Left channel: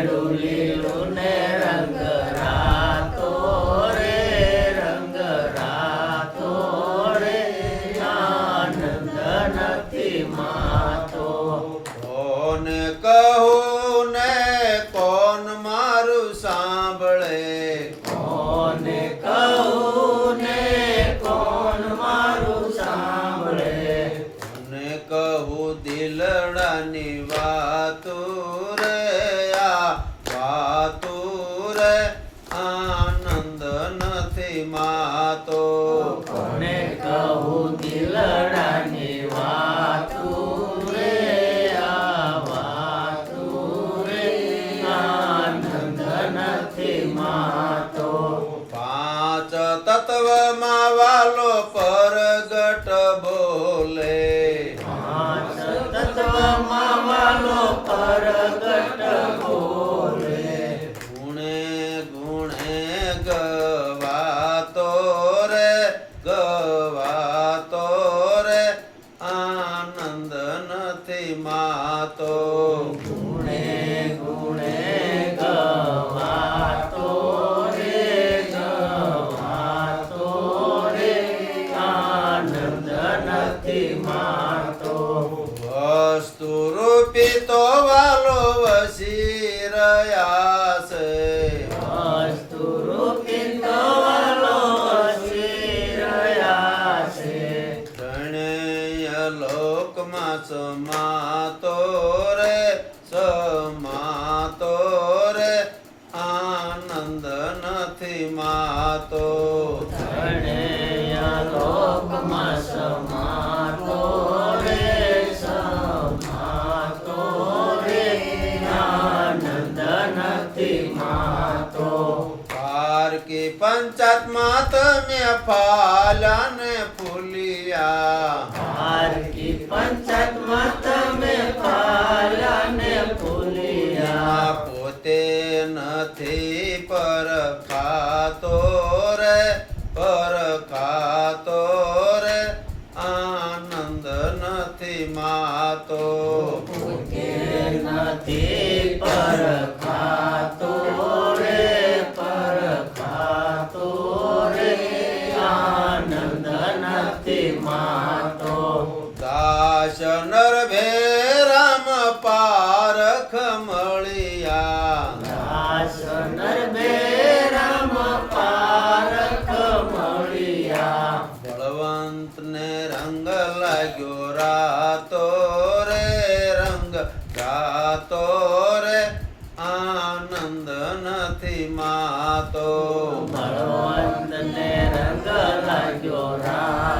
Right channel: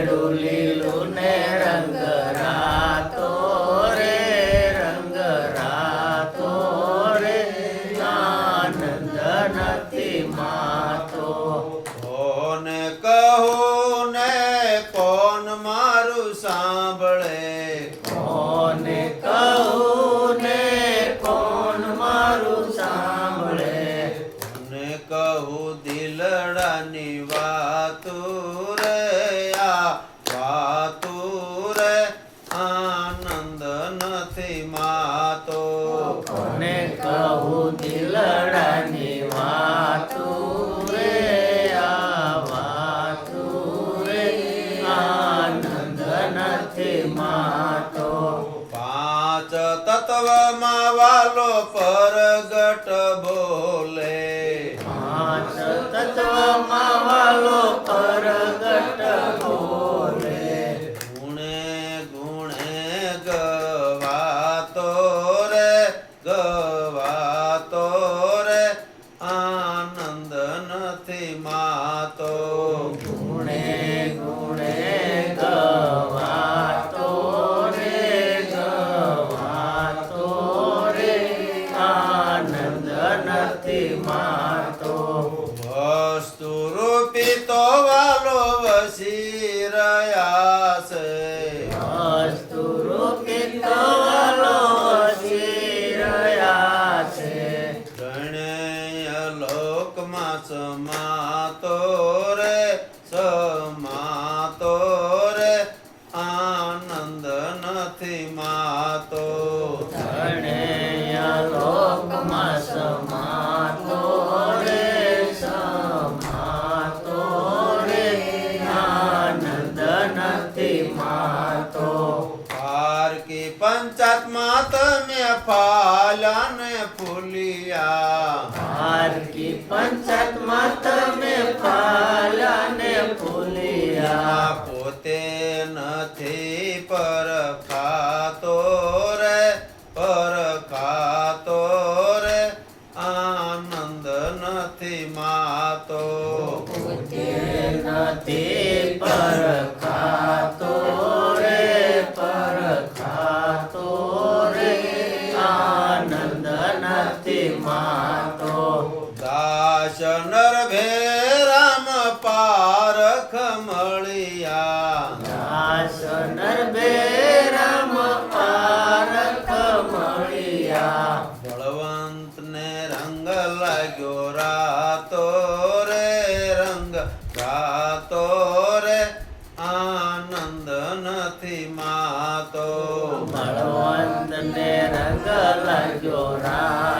કેળું લીલું ને રંગ રાતો રે, રંગ રાતો રે, આનંદ નથી માતો. કોને કહું ને કોણ મારું સાંભળે, કોને કહું ને કોણ મારું સાંભળે, કોને કહું દિલડાની વાતું રે, આ વાતું રે, આનંદ નથી માતો. કોને કહું દિલડાની વાતું રે, આ વાતું રે, આનંદ નથી માતો. પાંચ તત્વમાં વાલો પરગટ બોલે, પાંચ તત્વમાં વાલો પરગટ બોલે, ગુણે ગુણે ગવાતો રે, ગવાતો રે, આનંદ નથી માતો. ગુણે ગુણે ગવાતો રે, ગવાતો રે, આનંદ નથી માતો. વસ્તુ રૂપી તો વાલો વસી રહ્યા છે, વસ્તુ રૂપી તો વાલો વસી રહ્યા છે, ત્રણેય લોકમાં સમાતો રે, સમાતો રે, આનંદ નથી માતો. ત્રણેય લોકમાં સમાતો રે, સમાતો રે, આનંદ નથી માતો. પારકી પંચાત્મા તમે ફાલ્યા ને ફૂલિયા, પારકી પંચાત્મા તમે ફાલ્યા ને ફૂલિયા, પોતે નથી પરખાતો રે, પરખાતો રે, આનંદ નથી માતો. પોતે નથી પરખાતો રે, પરખાતો રે, આનંદ નથી માતો. દાસ નર ભેરામ પારખ મળ્યા, દાસ નરભે રામ પારખ મળ્યા, બળવંત ને રંગ લાગ્યો રાતો રે, રંગ રાતો રે, આનંદ નથી માતો. બળવંત ને રંગ લાગ્યો રાતો